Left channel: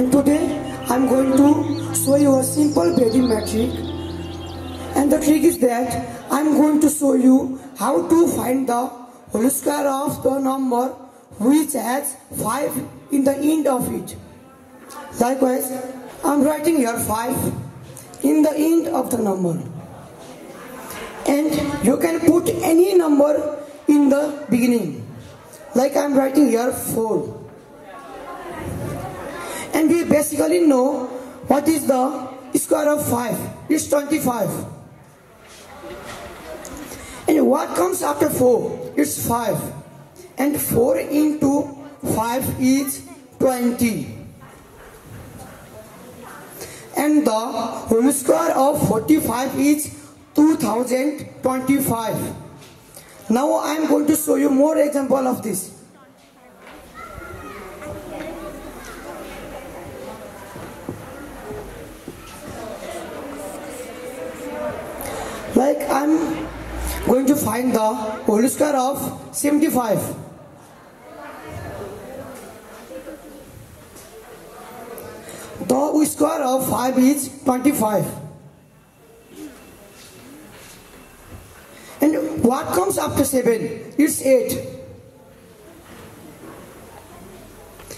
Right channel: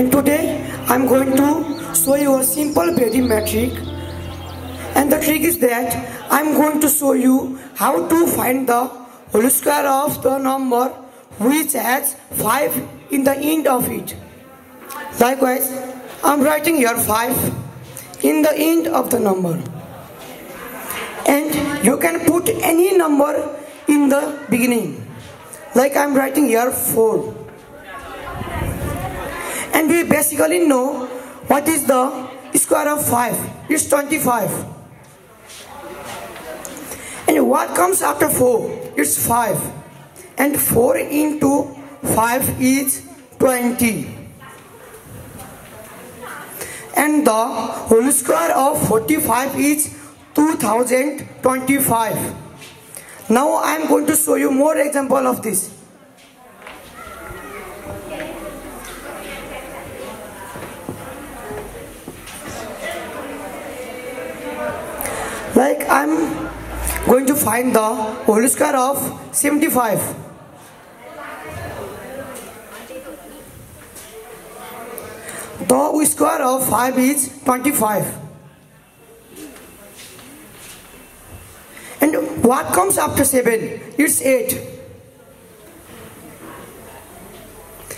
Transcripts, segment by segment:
And today I'm going to show you a simple Bedi trick. And the trick is that I'm going to show you how to find the whole square of the number which has 5 in the end of it. Likewise, I'm writing here 5 in the end of the number. And you can put any number in the beginning. Like I'm writing here 4. And we basically know what is the square of 5. It's 25. And what comes after 4? It's 5. And 4 into 5 is 20. And the whole square of 45 is 2025. Now I am going to show you more example of this. Like I am going to find the whole square of 75. The square of 5 is 25. And what comes after 7? It's 8.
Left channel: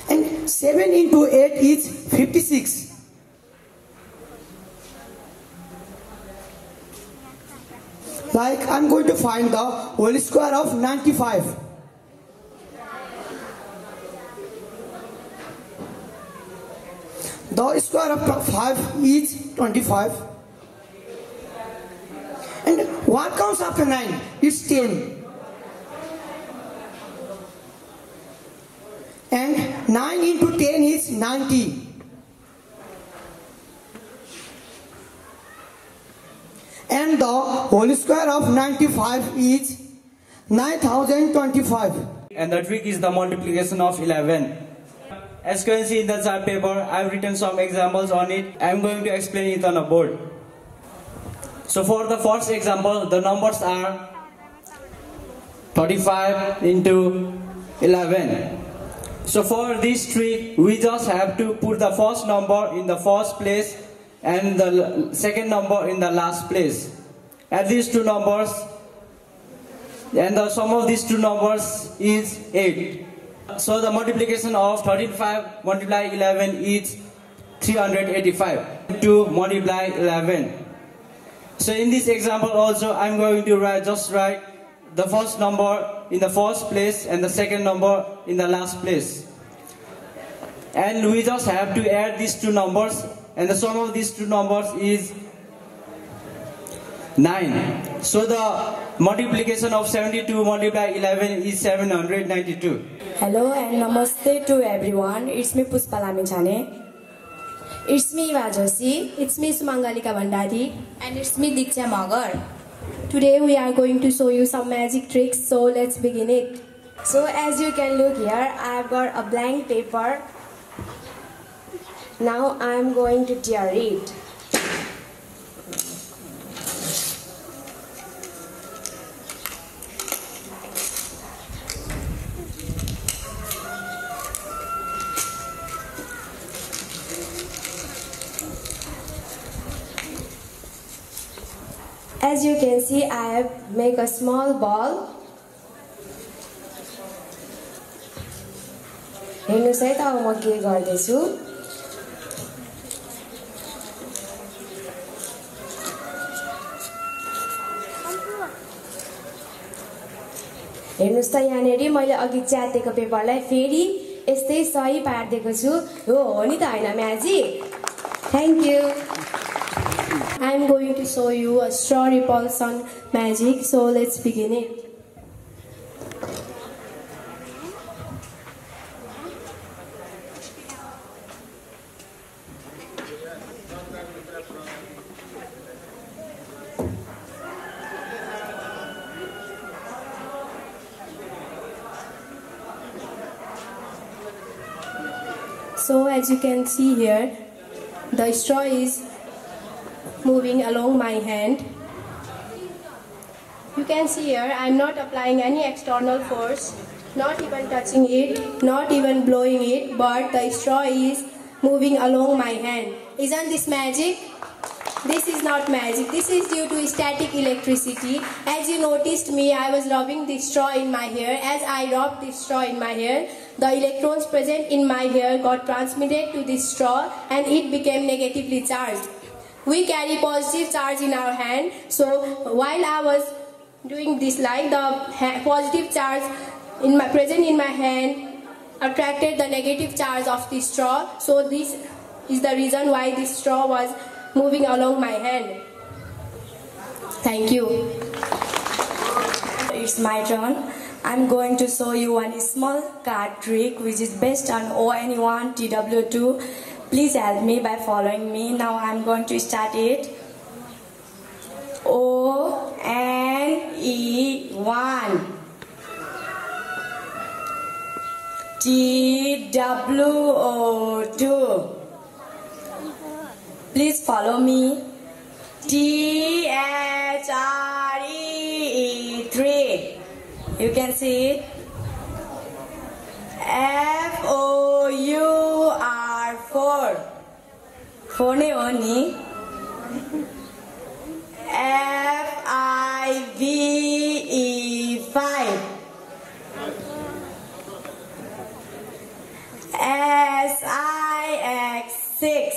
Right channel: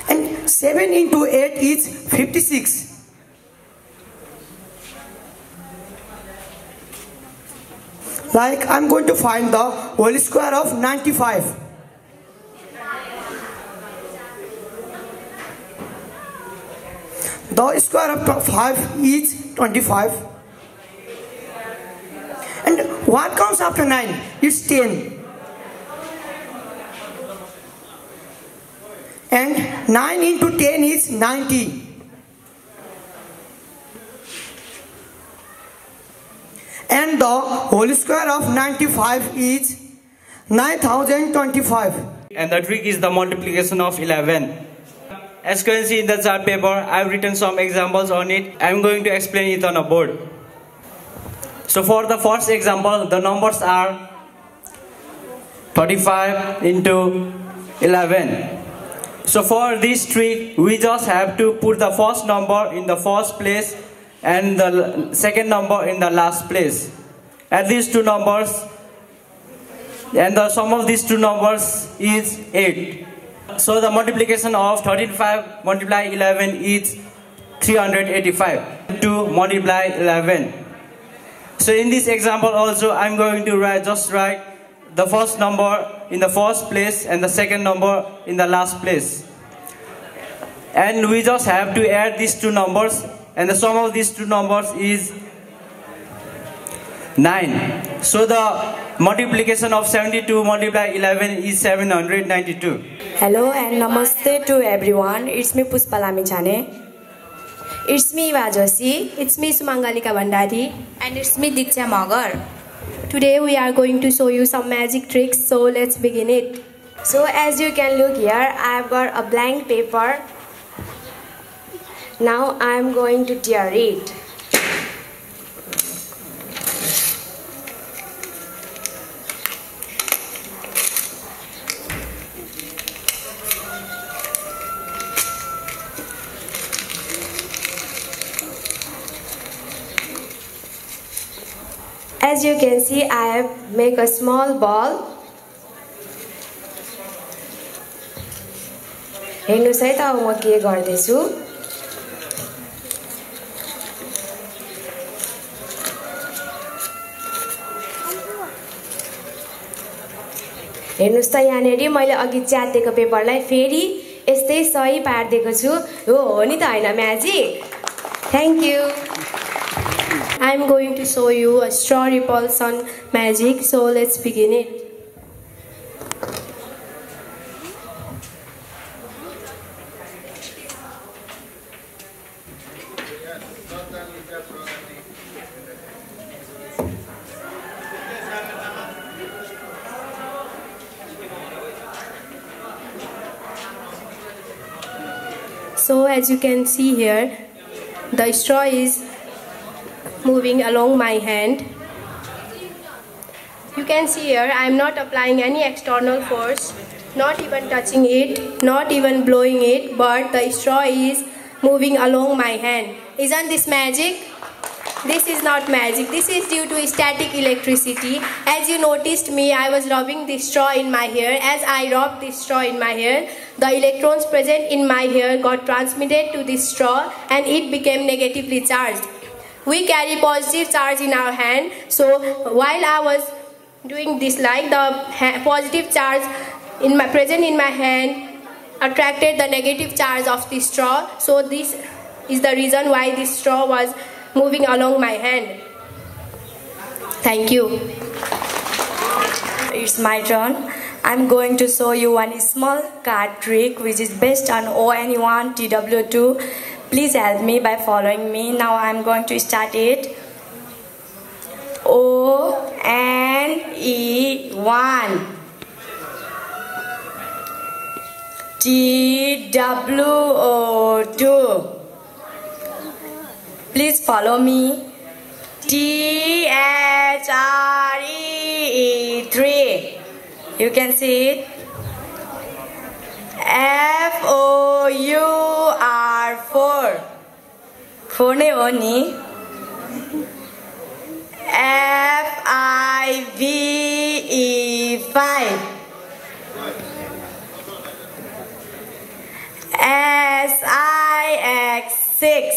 And 7 into 8 is 56. Like I'm going to find the whole square of 95. The square of 5 is 25. And what comes after 9? It's 10. And 9 into 10 is 90. And the whole square of 95 is 9025. And the trick is the multiplication of 11. As you can see in the chart paper, I have written some examples on it. I am going to explain it on a board. So for the first example, the numbers are 35 into 11. So for this trick, we just have to put the first number in the first place and the second number in the last place. Add these two numbers, and the sum of these two numbers is 8. So the multiplication of 35 multiply 11 is 385 to multiply 11. So in this example also, I'm going to write the first number in the first place and the second number in the last place. And we just have to add these two numbers, and the sum of these two numbers is 9. So the multiplication of 72 multiply 11 is 792. Hello and namaste to everyone. It's me Puspa Lamichane. It's me Eva Joshi. It's me Sumangalika Bandari. And it's me Diksha Magar. Today we are going to show you some magic tricks, so let's begin it. So as you can look here, I have got a blank paper. Now I am going to tear it. As you can see, I have made a small ball. हेर्नुस् है त अब म के गर्दैछु. हेर्नुस् त यहाँनेरि मैले अघि च्यातेको पेपरलाई फेरि यस्तै सही पार्दिएको छु. हो नि त हैन magic. Thank you. I am going to show you a straw repulsion magic, so let's begin it. So as you can see here, the straw is moving along my hand. You can see here I am not applying any external force, not even touching it, not even blowing it, but the straw is moving along my hand. Isn't this magic? This is not magic. This is due to static electricity. As you noticed me, I was rubbing the straw in my hair. As I rubbed the straw in my hair, the electrons present in my hair got transmitted to the straw and it became negatively charged. We carry positive charge in our hand. So while I was doing this, like the positive charge present in my hand attracted the negative charge of the straw. So this is the reason why this straw was moving along my hand. Thank you. It's my turn. I'm going to show you one small card trick which is based on ONE1 TW2. Please help me by following me. Now I'm going to start it. ONE1 TW2. Please follow me. THREE3. You can see it. FOUR4. 4 ne ho ni. FIVE5. SIX6.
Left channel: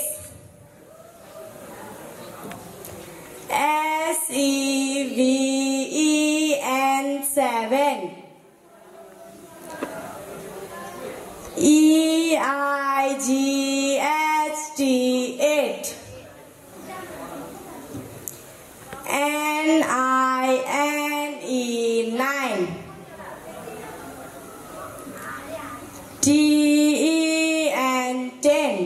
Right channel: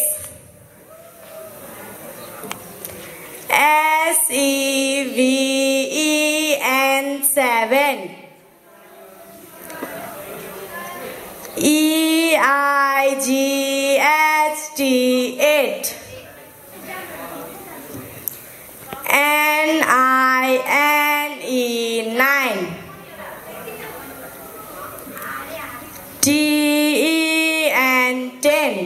SEVEN. EIGHT8. NINE9. TEN10.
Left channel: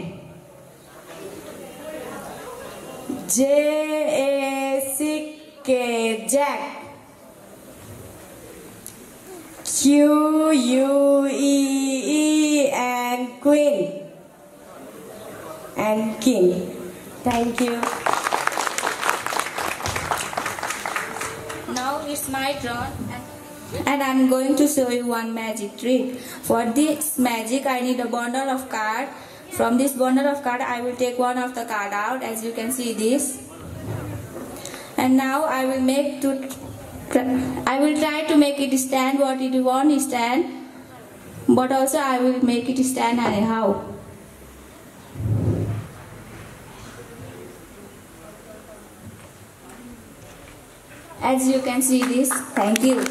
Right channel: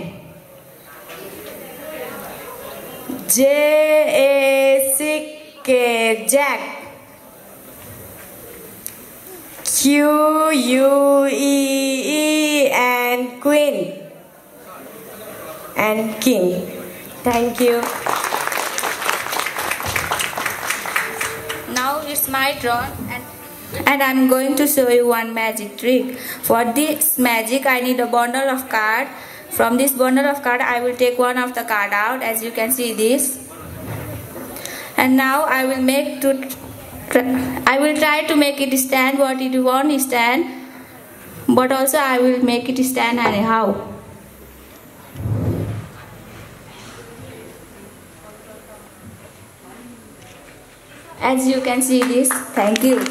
JACK. QUEE and Queen and King. Thank you. Now it's my turn and I'm going to show you one magic trick. For this magic I need a bundle of cards. From this bundle of cards I will take one of the card out, as you can see this. And now I will try to make it stand what it won't stand, but also I will make it stand anyhow. As you can see this. Thank you.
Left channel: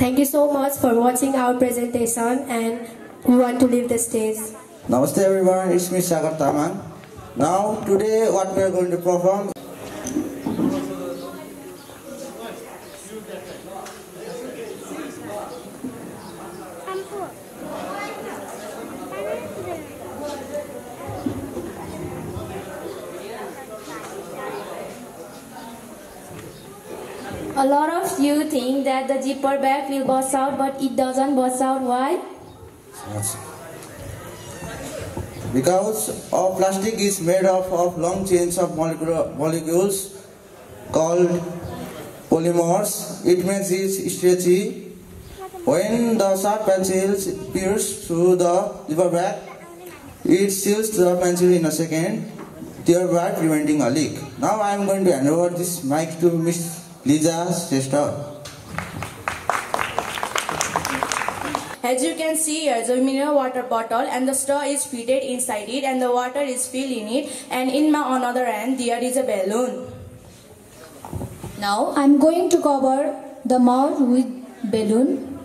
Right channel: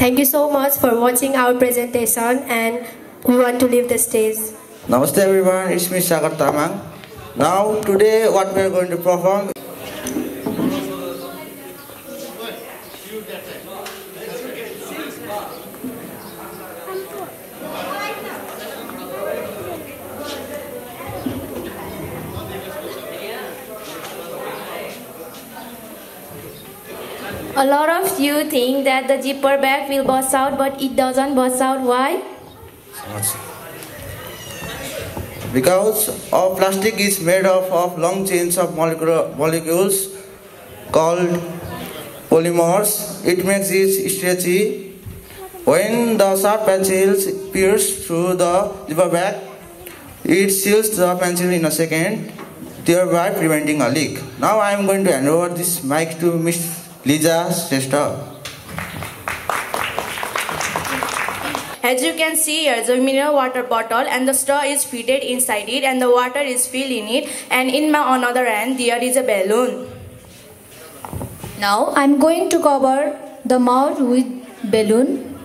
Thank you so much for watching our presentation, and we want to leave the stage. Namaste everyone, it's me Sagar Tamang. Now today what we are going to perform. A lot of you think that the zipper bag will burst out, but it doesn't burst out. Why? Because our plastic is made up of long chains of molecules called polymers. It makes it stretchy. When the sharp pencils pierce through the zipper bag, it seals the pencil in a second, thereby preventing a leak. Now I am going to hand over this mic to Miss Lisa Shrestha. As you can see, here is a mineral water bottle and the straw is fitted inside it and the water is filled in it, and in my another hand there is a balloon. Now I'm going to cover the mouth with balloon.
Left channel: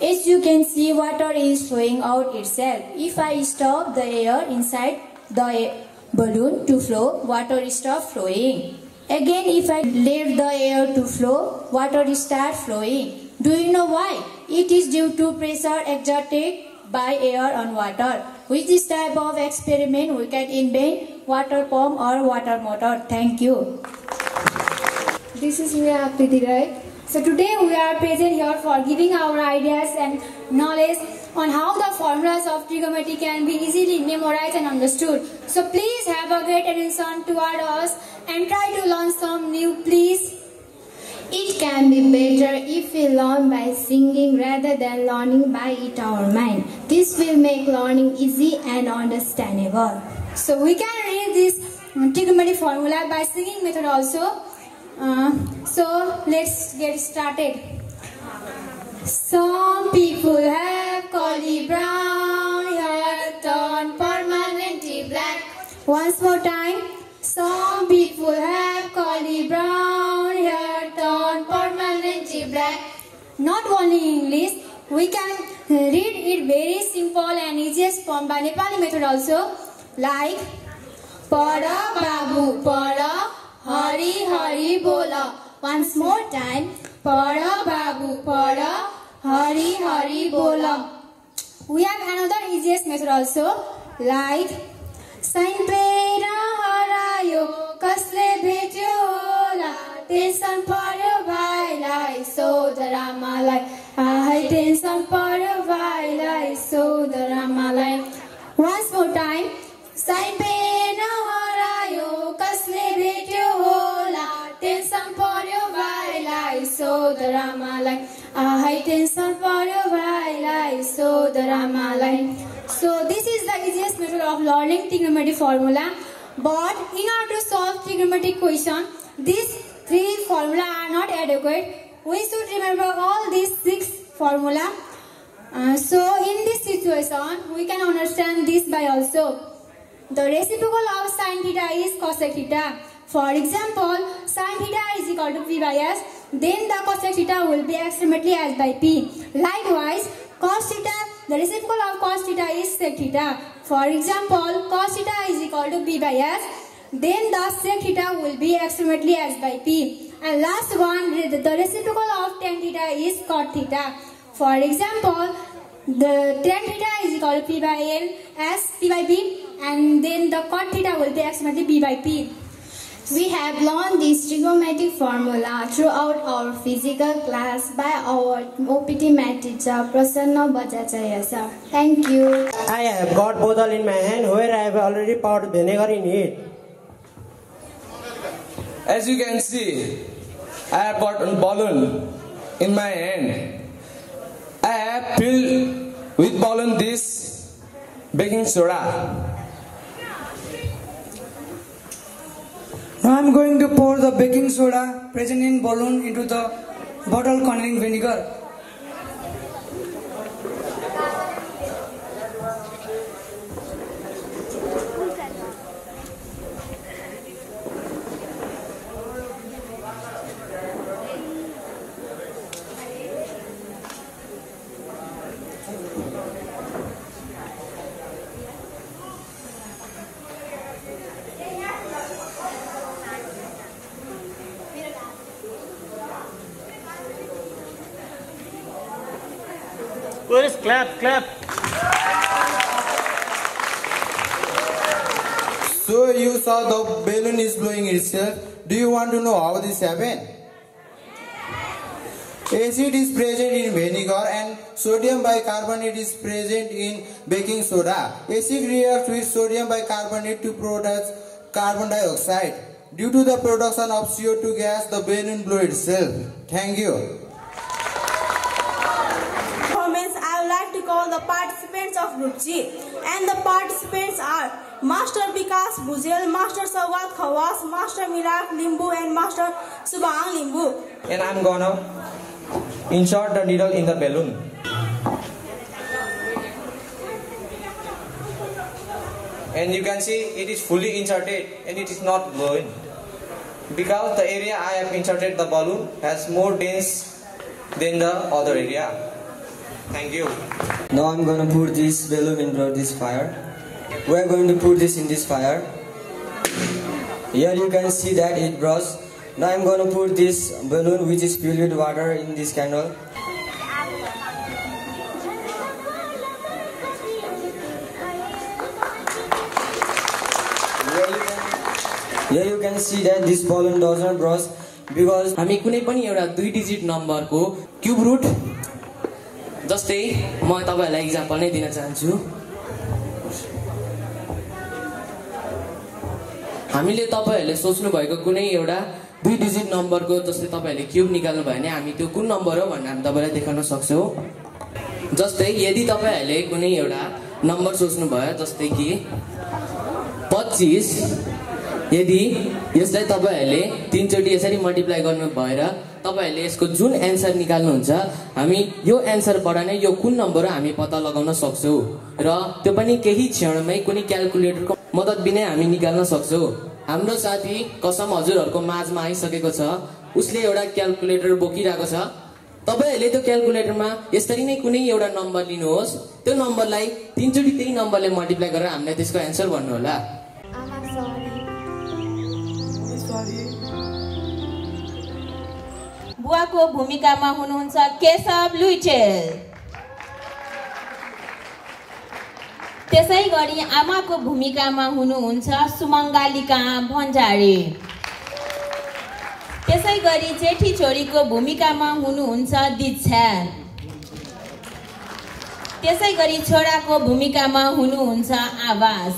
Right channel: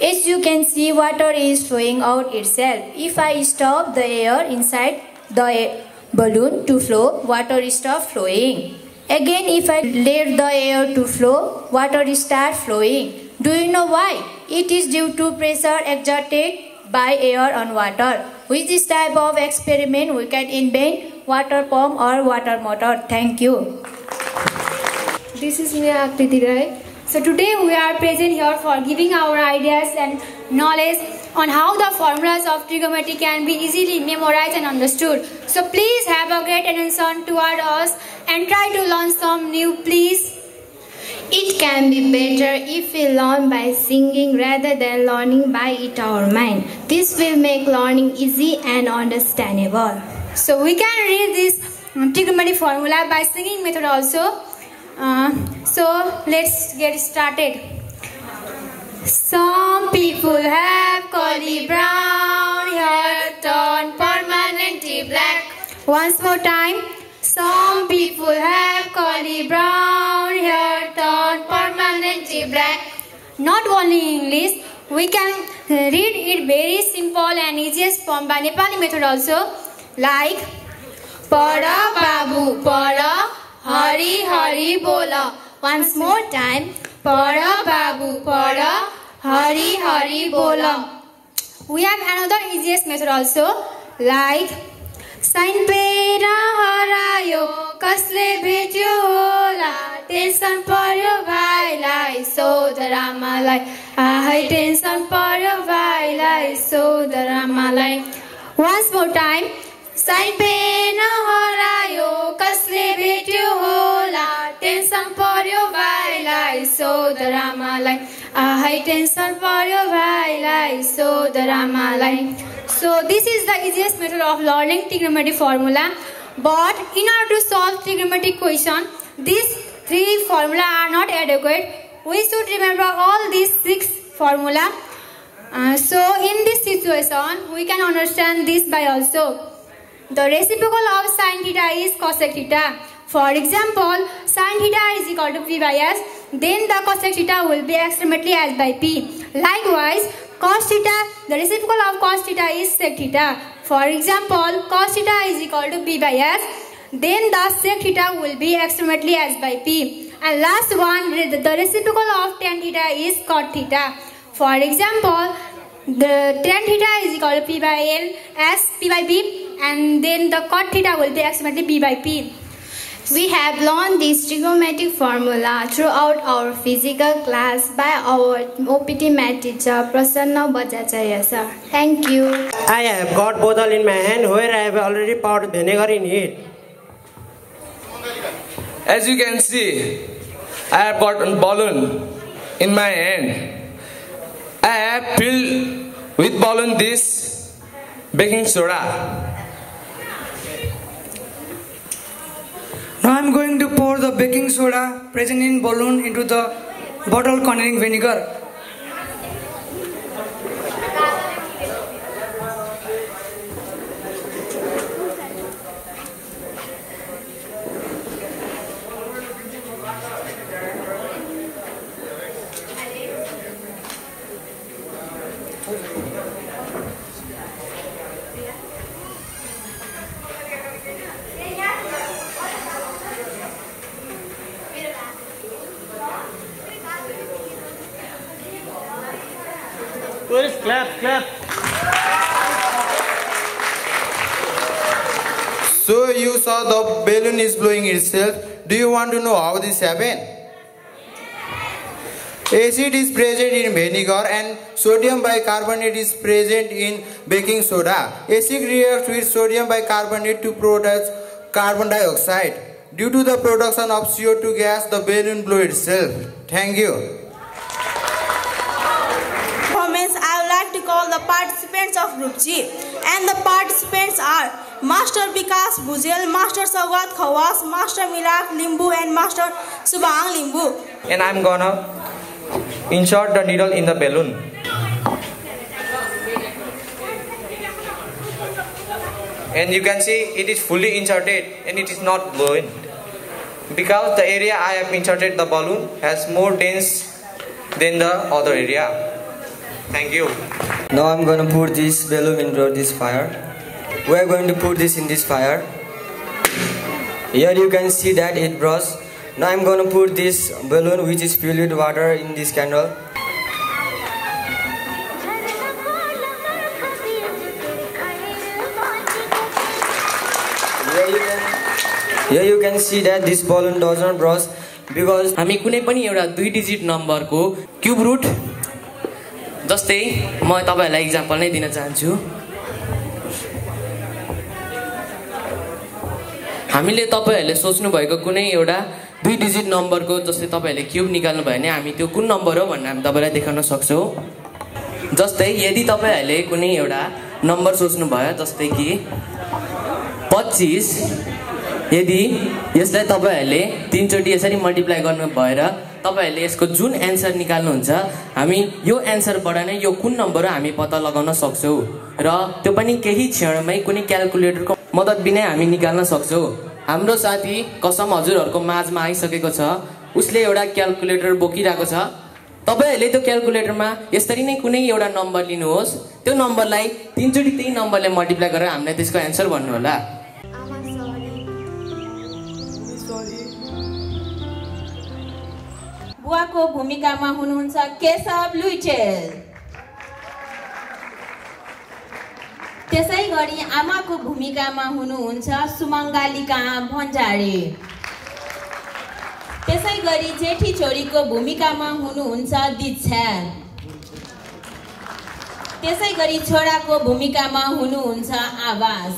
As you can see, water is flowing out itself. If I stop the air inside the balloon to flow, water stops flowing. Again, if I let the air to flow, water starts flowing. Do you know why? It is due to pressure exerted by air on water. With this type of experiment, we can invent water pump or water motor. Thank you. This is Meera Akriti Rai. So today we are present here for giving our ideas and knowledge on how the formulas of trigonometry can be easily memorized and understood. So please have a great attention toward us and try to learn some new, please. It can be better if we learn by singing rather than learning by it our mind. This will make learning easy and understandable. So we can read this trigonometry formula by singing method also. So let's get started. Some people have curly brown hair turned permanently black. Once more time. Some people have curly brown hair turned permanently black. Not only English, we can read it very simple and easiest form by Nepali method also. Like Pada Babu Pada Hari Hari Bola. Once more time. Pada Babu Pada Hari Hari Bola. We have another easiest method also. Like Sain Pera Harayo Kasle Bhetyo Hola Tension Paryo Bhailai Sodara Malai Ahai Tension Paryo Bhailai Sodara Malai. Once more time. Sain Pera Harayo Kasle Bhetyo Hola Tension Paryo Bhailai Sodara Malai Ahai Tension Paryo Bhailai Sodara Malai. So this is the easiest method of learning trigonometry formula. But in order to solve trigonometric question, these 3 formula are not adequate. We should remember all these 6 formula. So in this situation, we can understand this by also. The reciprocal of sin theta is cosec theta. For example, sin theta is equal to p by s. Then the cosec theta will be approximately s by p. Likewise, cos theta, the reciprocal of cos theta is sec theta. For example, cos theta is equal to b by s. Then the sec theta will be approximately s by p. And last one, the reciprocal of tan theta is cot theta. For example, the tan theta is equal to p by n as p by p. And then the cot theta will be approximately b by p. We have learned this trigonometric formula throughout our physical class by our OPT math teacher Prasanna Bajacharya sir. Thank you. I have got bottle in my hand where I have already poured vinegar in it. As you can see, I have got a balloon in my hand. I have filled with balloon this baking soda. Now I am going to pour the baking soda present in balloon into the bottle containing vinegar. Please clap. So you saw the balloon is blowing itself. Do you want to know how this happened? Acid is present in vinegar and sodium bicarbonate is present in baking soda. Acid reacts with sodium bicarbonate to produce carbon dioxide. Due to the production of CO2 gas, the balloon blew itself. Thank you. I would like to call the participants of Group G. And the participants are Master Vikas Bhujel, Master Saugat Khawas, Master Milak Limbu and Master Subhang Limbu. And I'm gonna insert the needle in the balloon. And you can see it is fully inserted and it is not blowing. Because the area I have inserted the balloon has more dense than the other area. Thank you. Now I'm going to put this balloon into this fire. We are going to put this in this fire. Here you can see that it bursts. Now I'm going to put this balloon which is filled with water in this candle. Here you can see that this balloon does not burst because हामी कुनै पनि एउटा 2 digit नम्बरको cube root जस्तै म तपाईहरुलाई example नै दिन चाहन्छु। हामीले तपाईहरुले सोच्नु भएको कुनै एउटा 2 डिजिट नम्बरको जस्तै तपाईहरुले क्युब निकाल्नु भयो भने हामी त्यो कुन नम्बर हो भनेर हामी तपाईलाई देखाउन सक्छौं। जस्तै यदि तपाईहरुले कुनै एउटा नम्बर सोच्नु भयो जस्तै कि 25, यदि यसलाई तपाईहरुले 3 चोटी यसरी मल्टिप्लाई गर्नु भएर तपाईहरुले यसको जुन एन्सर निकाल्नुहुन्छ हामी यो एन्सरबाट नै यो कुन नम्बर हो हामी पत्ता लगाउन सक्छौं र त्यो पनि केही क्षणमै कुनै क्याल्कुलेटरको मद्दत बिना हामी निकाल्न सक्छौं। हाम्रो साथी कसम हजुरहरुको माझमा आइसकेको छ, उसले एउटा क्याल्कुलेटर बोकिरहेको छ। तपाईहरुले त्यो क्याल्कुलेटरमा यसरी नै कुनै एउटा नम्बर लिनुहोस्, त्यो नम्बरलाई 3 चोटी त्यही नम्बरले मल्टिप्लाई गरेर हामीलाई त्यसको एन्सर भन्नु होला। बुवाको भूमिकामा हुनुहुन्छ केशव लुइटेल। त्यसैगरी आमाको भूमिकामा हुनुहुन्छ सुमङ्गालिका भण्डारी। त्यसैगरी जेठी छोरीको भूमिकामा हुनुहुन्छ दीक्षा। त्यसैगरी छोराको भूमिकामा हुनुहुन्छ आवास।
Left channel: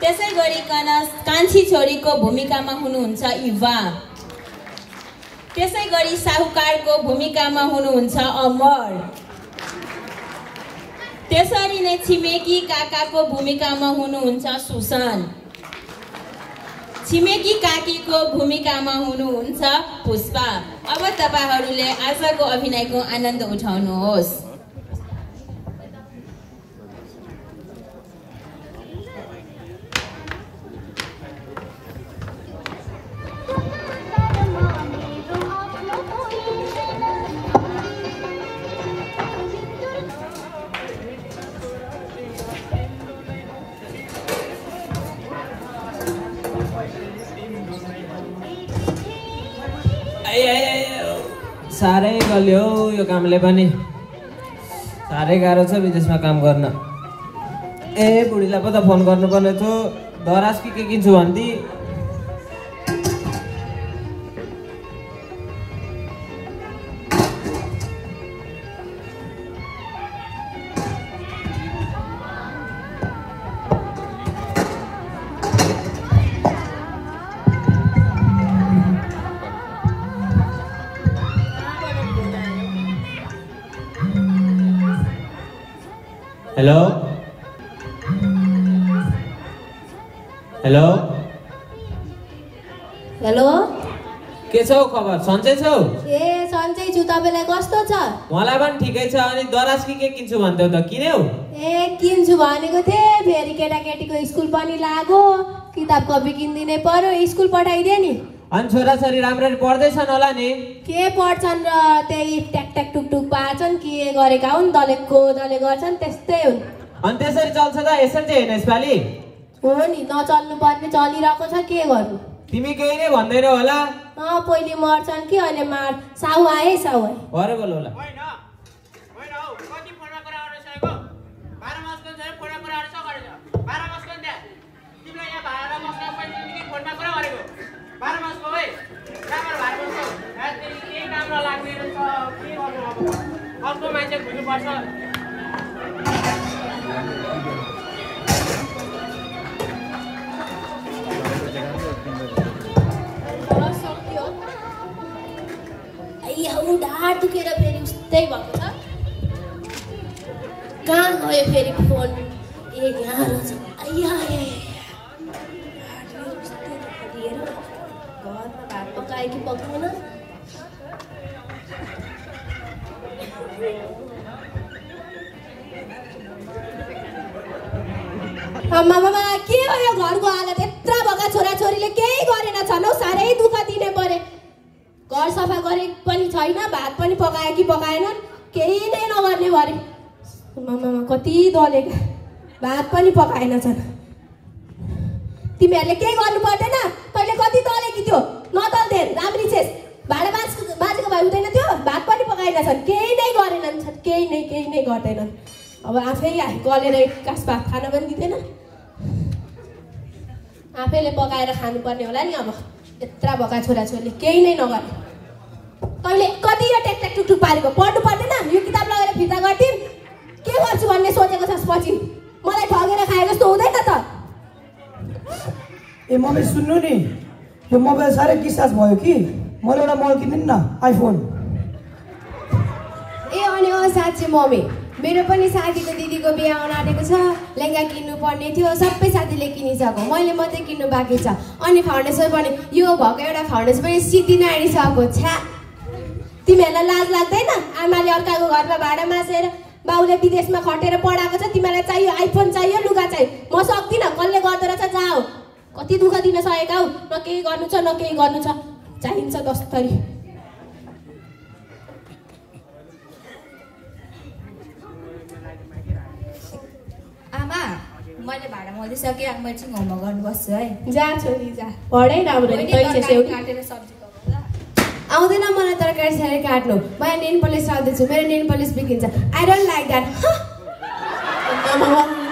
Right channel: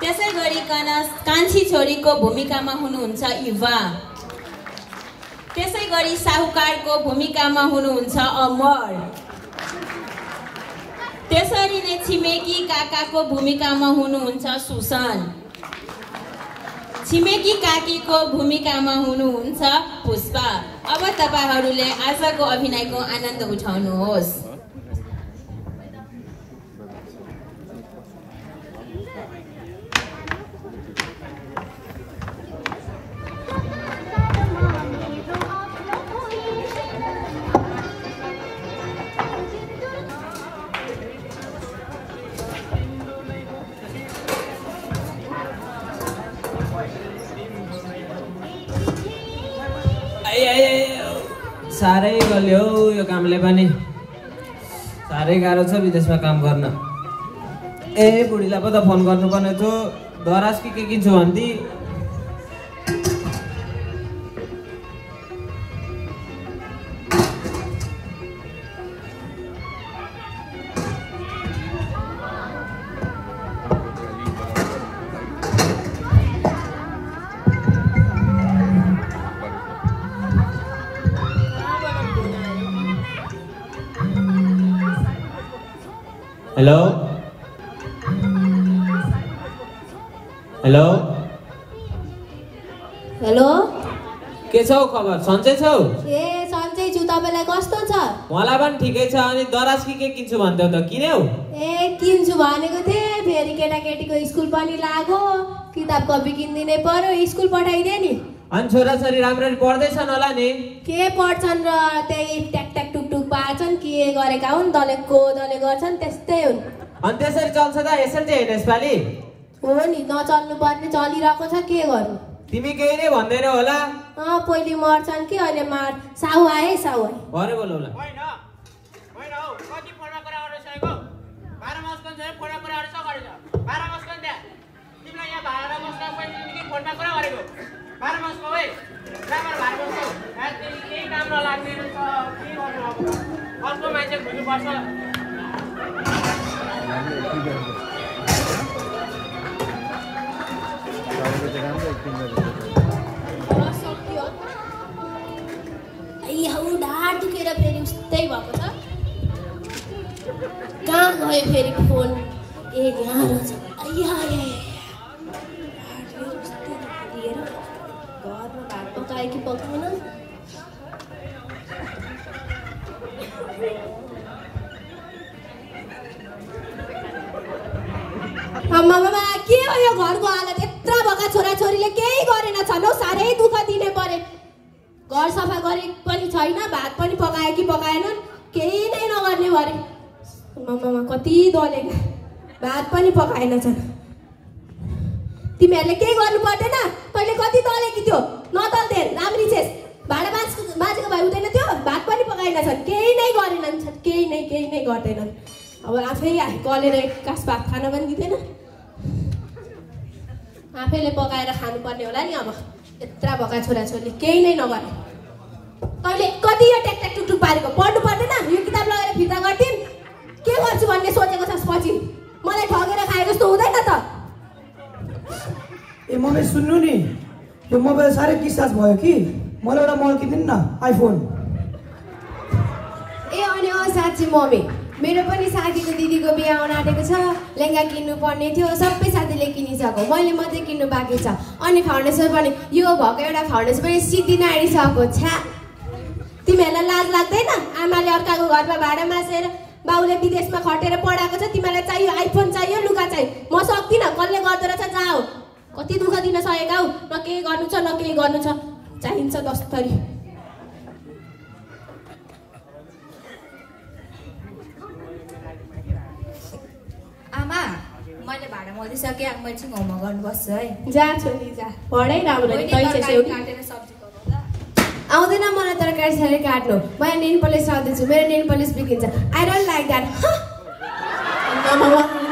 त्यसैगरीकन कान्छी छोरीको भूमिकामा हुनुहुन्छ इवा। त्यसैगरी साहुकारको भूमिकामा हुनुहुन्छ अमर। त्यसरी नै छिमेकी काकाको भूमिकामा हुनुहुन्छ सुसन। छिमेकी काकीको भूमिकामा हुनुहुन्छ पुष्पा। अब तपाईहरुले आजको अभिनयको आनन्द उठाउनुहोस्। साह्रै गल्यो यो कामले पनि, साह्रै गाह्रो छ विदेशमा काम गर्न। ए बुढीलाई पो त फोन गर्नुपर्ने थियो, दराज के किन्छु भन्दी। हेलो हेलो हेलो, के छौ खबर? सन्चै छौ? ए सन्चै छु, तपाईलाई कस्तो छ? मलाई पनि ठिकै छ। अनि दराज के किन्छु भन्थ्यौ त, किन्यौ? ए किन्छु भनेको थिए, फेरि केटाकेटीको स्कुल पनि लाग्यो, किताब कपी किनिदिनै पर्यो, स्कुल पठाइदिए नि। अनि छोराछोरी राम्ररी पढ्दैछन् होला नि? के पढ्छन् र त्यही ट्याकट्याक टुकटुक पाछन्, के गरेका हुन्, दलेको दले गर्छन्, त्यस्तै हुन्। अनि त्यसरी चल्छ त? यसरी चाहिँ होइन यसपालि? हो नि, नचल्नु पर्ने चलिरहेको छ, के गर्नु? तिमी केही नै भन्दैनौ होला? पहिले मर्छन् कि अहिले मार। साहु आए, साहु भरे बोल्नु होला। कति फोनमा कुरा गरिसकेको? 12 मासको चाहिँ फोनमा कुरा गरिस गरेछ। 12 मासको नि त्यहाँ तिमीलाई यहाँ भाडा बस्न पहिले फोनमा कुरा गरेको। 12 मासको है राम्ररी भाडा बस्छौ। केही काम नलाग्ने रहेछ, के गर्नु अब? अर्को मान्छे खोज्नुपर्छ। ढाड दुखेर फेरि उस्तै भएको छ। कहाँ गयो फेरि फोन? ए यहाँ रहेछ। घरमा भात पकायो कि पकाएन? मामा के हो यो घरको हालत? यत्रो भएका छोराछोरीले केही गरेन छन् हौ, साह्रै दुःख दिने परे। घर सफा गरे पनि छैन, भात पनि पकायो कि पकाएनन्, केही नै नगर्ने भरे। मामा कति दलेका, भात पनि पकाएनछन्। तिमीहरूले केही गर्नु पर्दैन? तैँले कति दलेकी थियो, नदल्थे राम्री छेस। भाडा बाजेको भए हुँदैन थियो? भात पनि पकाएनछन्, केही नै गरेनन्, केही नै गर्दैनन्। अब आफै कलेर कास भात खान पनि दिँदैन, आफैले पकाएर खानुपर्ने होला नि। अब यत्रा भएका छोराछोरीले केही नै नगरे। तैँले कति यो ट्याकट्याक टुकटुक पारेको? पढ्नु पर्दैन? यो किताब लगाएर फिर्ता गर्दिन्, के गर्छु भन्ने सोचेको छस्? पछि मलाई ठगेर खाए जस्तो हुँदैन त? ए मम्मी सुन्नु नि, यो मोबाइल साह्रै डिस्चार्ज भयो कि मलाई एउटा मोबाइल किनिदिनु न आइफोन। ए अनि साँच्ची मम्मी मेरो पनि साथीको दिदीको बिहा आउन आँटेको छ, लेहङ्गा किन्नु पर्ने थियो, सबै साथीले किनिसक्यो, मैले मात्रै किन्नु बाँकी छ। अनि फर्नेसर पनि यो भएको एउटा फर्नेस पनि सिद्धिन आइसक्यो। छ्या तिमीहरूलाई लाज लाग्दैन? आमाले अर्काको घरमा भाडा मासेर बाउले विदेशमा खटेर पढाएको छ, तिमीलाई चाहियो आइफोन चाहियो लुगा चाहियो। म सक्दिनँ, कसले गर्दो रहेछ जाऊ। कति दुःख दिन सकेका हौ, न केही गर्नु छ न केही गर्नु छ, चाहिन्छ जसरी। आमा मैले भाडा मरिसकेँ, मैले चाहिँ होमवर्क गर्नु बस्छु है। जा छोरी जा, पढै राम्रो काटेर सब्जी आउँदैन मलाई तरकारी सरी काट्नु। म यहाँ नेल पलिस राख्दैछु, मेरो नेल पलिस बिग्रिन्छ। I don't like that.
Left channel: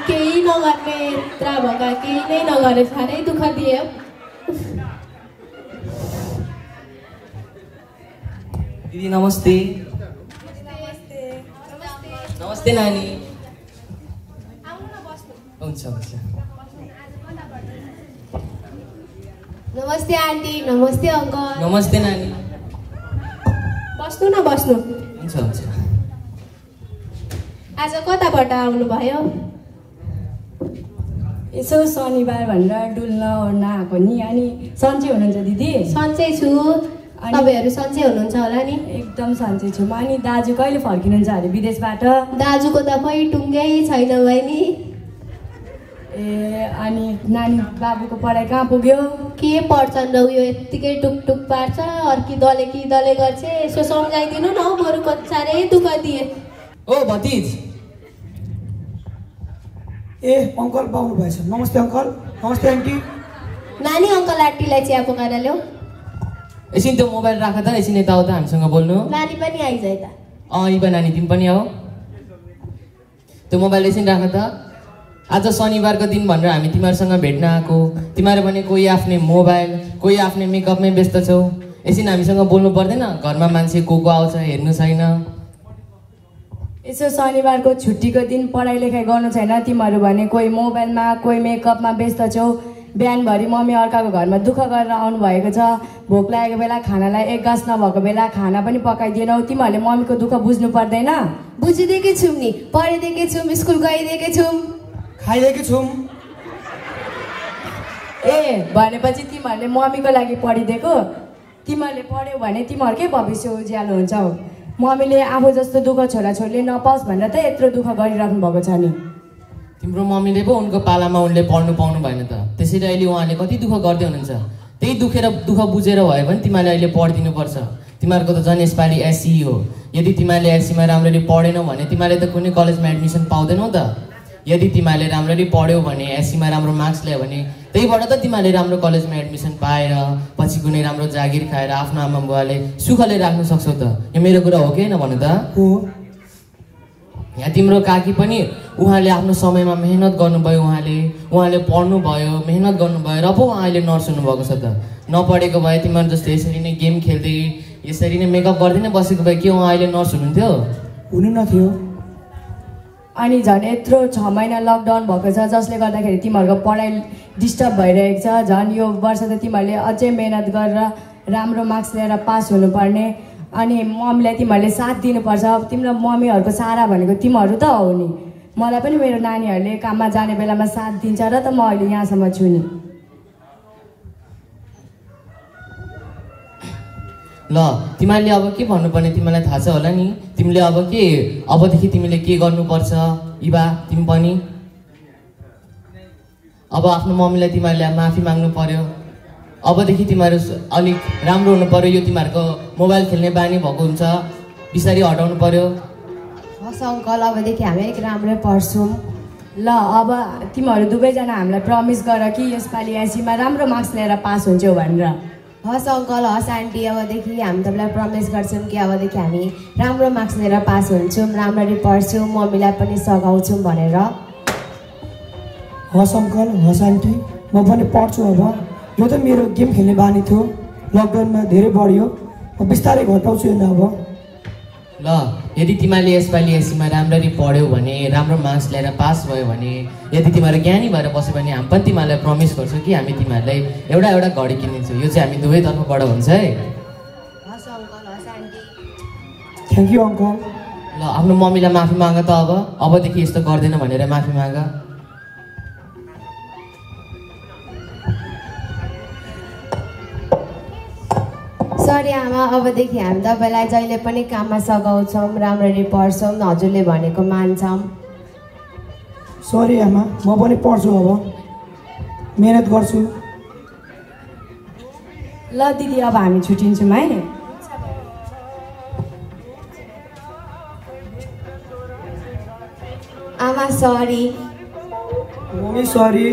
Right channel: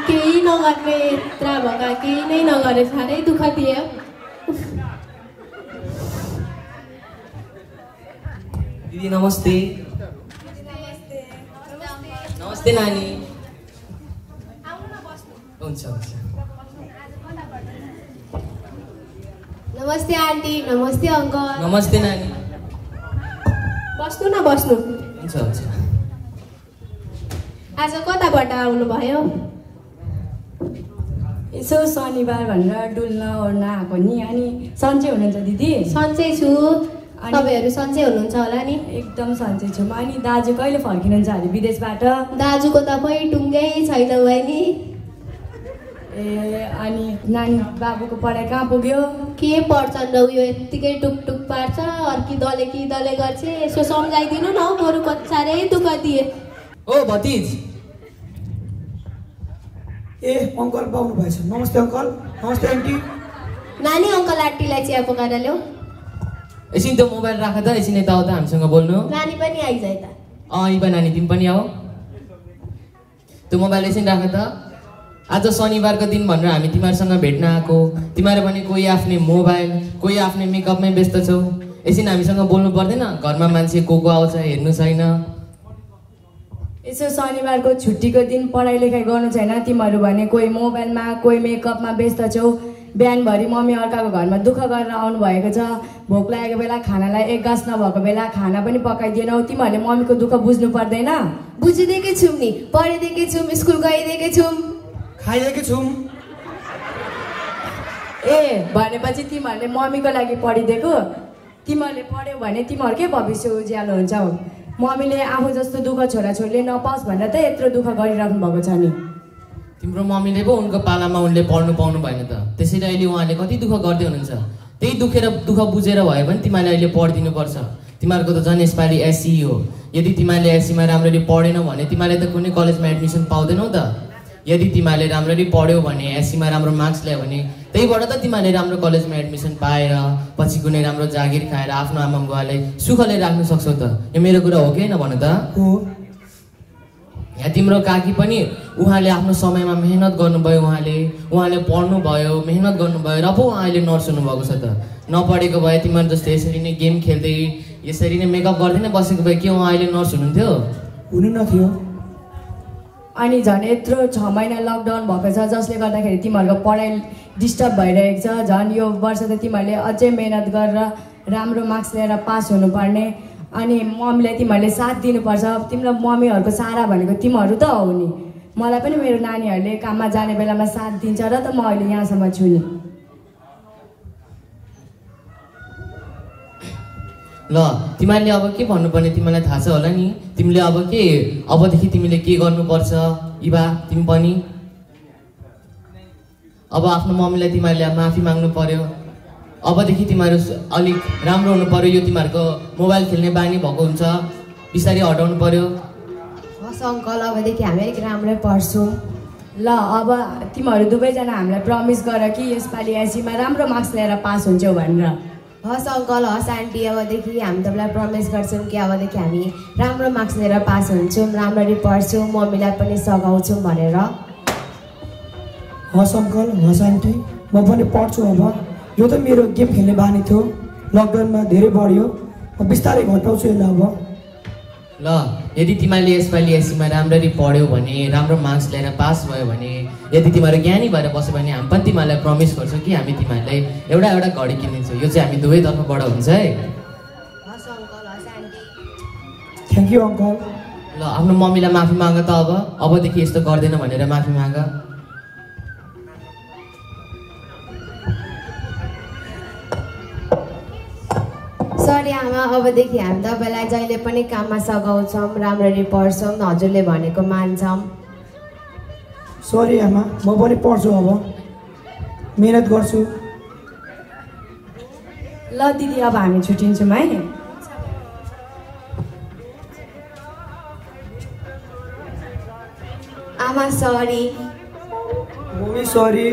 केही नगर्ने यत्रा भएका केही नै नगरे, साह्रै दुःख दियो। दिदी नमस्ते। नमस्ते नानी। हुन्छ हुन्छ। नमस्ते आन्टी। नमस्ते अङ्कल। नमस्ते नानी। बस्नु न बस्नु। हुन्छ हुन्छ। आज कताबाट आउनुभयो? यसो शनिबार भनेर डुल्न ओर्न आएको नि। अनि सन्चै हुनुहुन्छ दिदी? सन्चै छु। तपाईँहरू सन्चै हुनुहुन्छ होला नि? एकदम सन्चै छु। अनि दाजु कहिले फर्किनुहुन्छ अरे विदेशबाट? दाजुको त खै टुङ्गै छैन बहिनी। ए अनि नानी बाबुको पढाइ कहाँ पुग्यो? के पढ्छन् र उयो यत्तिकै टुकटुक पार्छ, अर्की दले कि दले गर्छ। यसो सम्झाइदिनु न, बरु कति साह्रै दुःख दिए। ओ भतिज। ए अङ्कल पाउनु भएछ। नमस्ते अङ्कल। नमस्ते आन्टी। नानी अङ्कल आन्टीलाई चिया पकाएर ल्याऊ। एकछिन त्यो मोबाइल राख त, एकछिन यताउता हामीसँग बोल्नु। नानी पनि आइज यता। इबा नानी तिमी पनि आऊ। त्यो मोबाइल एकछिन राख त। आज शनिबारको दिन भनेर हामी तिमीहरूसँग भेट्न आएको। तिमीहरू पनि कोही आफ्नै मोबाइल, कोही आफ्नै मेकअपमै व्यस्त छौ। एकछिन हामीसँग बोल्नु पर्दैन? घरमा मान्छे को आउँछ हेर्नु छैन। यसो शनिबारको छुट्टीको दिन पढाइ लेखाइ गर्नु छैन तिमीहरू भने? कोही मोबाइलमा कोही मेकअपमा व्यस्त छौ। बिहानभरि मम्मी अर्काको घरमा दुःख गरेर आउनु भएको छ। भोक लागेको बेला खानालाई एक गाँस नभएको बेला खाना पनि पकाइदिएनौ। तिमीहरूले मम्मीको दुःख बुझ्नु पर्दैन? बुझिदिएकै छौँ नि, पढिदिएकै छौँ, स्कुल गइदिएकै छौँ, खाइदिएकै छौँ। ए भनेपछि तिमीहरूले मम्मीको लागि पढिदिएको? तिमीहरूले पढ्यौ भने तिमीहरूकै भविष्य उज्यालो हुन्छ हौ। मम्मीले आफू जस्तो दुःख छोराछोरीले नपाओस् भनेर त यत्रो दुःख गरिराख्नु भएको छ नि। तिम्रो मम्मीले पो उनको पालामा उनले पढ्नु पाउनु भएन त, त्यसैले अहिले उहाँले कति दुःख गर्दै हुनुहुन्छ। त्यही दुःख बुझेर भयो भने तिमीहरूले अहिले पढिदिनु पर्छ। तिमीहरूको त झन् यसपालि एससी हो। यदि तिमीहरूले एससीमा राम्ररी पढेनौ भने तिमीहरूले त कुनै कलेजमा एडमिसन पाउँदैनौ त। यदि तिमीहरूले राम्ररी पढ्यौ भने, एससीमा राम्रो मार्क्स ल्यायो भने, त्यहीबाट त तिमीहरूले राम्रो कलेजमा एडमिसन पाएर पछि कुनै राम्रो जागिर खाएर आफ्नो आमा बुवाले सुखले राख्न सक्छौ त। यो मेरो कुरा हो कि होइन भन त? यहाँ तिम्रो काकी पनि उहाँले आफ्नो समयमा मेहनत गर्नुभयो, उहाँले पढ्नुभयो, मेहनत गर्नुभयो र पो उहाँले नर्स हुनुभएको छ त। नपढेको भए तिमीहरू जस्तो यसरी नै गेम खेल्दै यसरी नै मेकअप गर्दै नै बसेको भए के उहाँ अहिले नर्स हुनुहुन्थ्यो? हुनु नथ्यो। अनि झन् यत्रो 6 महिना लकडाउन भएको छ जसले गर्दाखेरि तिमीहरूको पढाइ डिस्टर्ब भइरहेको छ। झन् यो वर्ष त तिमीहरूले अझै मेहनत गरेर राम्रो मार्क्स ल्याएर पास हुनुपर्ने। अनि मम्मीलाई तिमीहरूले साथ दिनुपर्छ। तिम्रो मम्मीहरूको सहारा भनेको तिमीहरू त हो नि। मलाई पनि मेरो नानीहरूले काममा जाने बेलामा साथ दिन्छ र त म अहिले यहाँसम्म छु नि। ल तिमीहरूले अब के भन्नुपर्ने तिमीलाई थाहा छ होला नि। तिमीले अबदेखि तिमीले के गर्नुपर्छ इबा? तिमी पनि अब आफ्नो मम्मीलाई तिमीहरूले माफी माग्नु पर्यो। अबदेखि तिमीहरू अलिक राम्रो हुनु पर्यो। यो तिमीहरूको मोबाइल खेल्ने बानी भएको हुन्छ, बिस्तारै हटाउनु पर्यो। हस् अङ्कल, अबदेखि हामी अलिक राम्रो पढ्छौँ। ल अब तिमीहरू दुवैजना हामीलाई प्रमिस गर कि यसपालि एससीमा राम्रो मार्क्स ल्याएर पास हुन्छौ भनेर। हस् अङ्कल, हस् आन्टी, अबदेखि हामी तपाईँलाई प्रमिस गर्छौँ कि अबदेखि हामी राम्रो मार्क्स लिएर पास हुन्छौँ, राम्ररी पढ्छौँ, मम्मीलाई पनि सघाउँछौँ भनेर। हस् अङ्कल, हस् आन्टी, म पनि पढ्छु। अब यो त मेरो गेम खेल्ने बानी थियो, लकडाउनमा धेरै बढ्यो, म बिस्तारै घटाउँछु होइन। अब ल यदि तिमीले यसपालि एससीमा राम्ररी पढ्यौ भने राम्रो मार्क्स ल्याएर पास भयो भने यदि तिमीहरू ज्ञानी भएर बस्यो भने हामी पनि तिमीहरूलाई प्रमिस गर्छौँ कि हामी तिमीहरूलाई एउटा घडी किनिदिन्छौँ। यो चाहिँ हामी दुवै तर्फबाट हुन्छ है। Thank you uncle. ल आफ्नो मम्मीलाई माफी माग त अबदेखि यस्तो गर्दैन भनेर माफी माग। सरी आमा, अबदेखि हामी तपाईँलाई जहिले पनि काममा सघाउँछौँ, राम्ररी पढ्छौँ, हजुरले भनेको मान्छौँ। सरी आमा, म पनि पढ्छु, अब मेहनत गर्छु। ल दिदी अब हामी छुट्टिन्छौँ है। आमा सरी। Mummy sorry.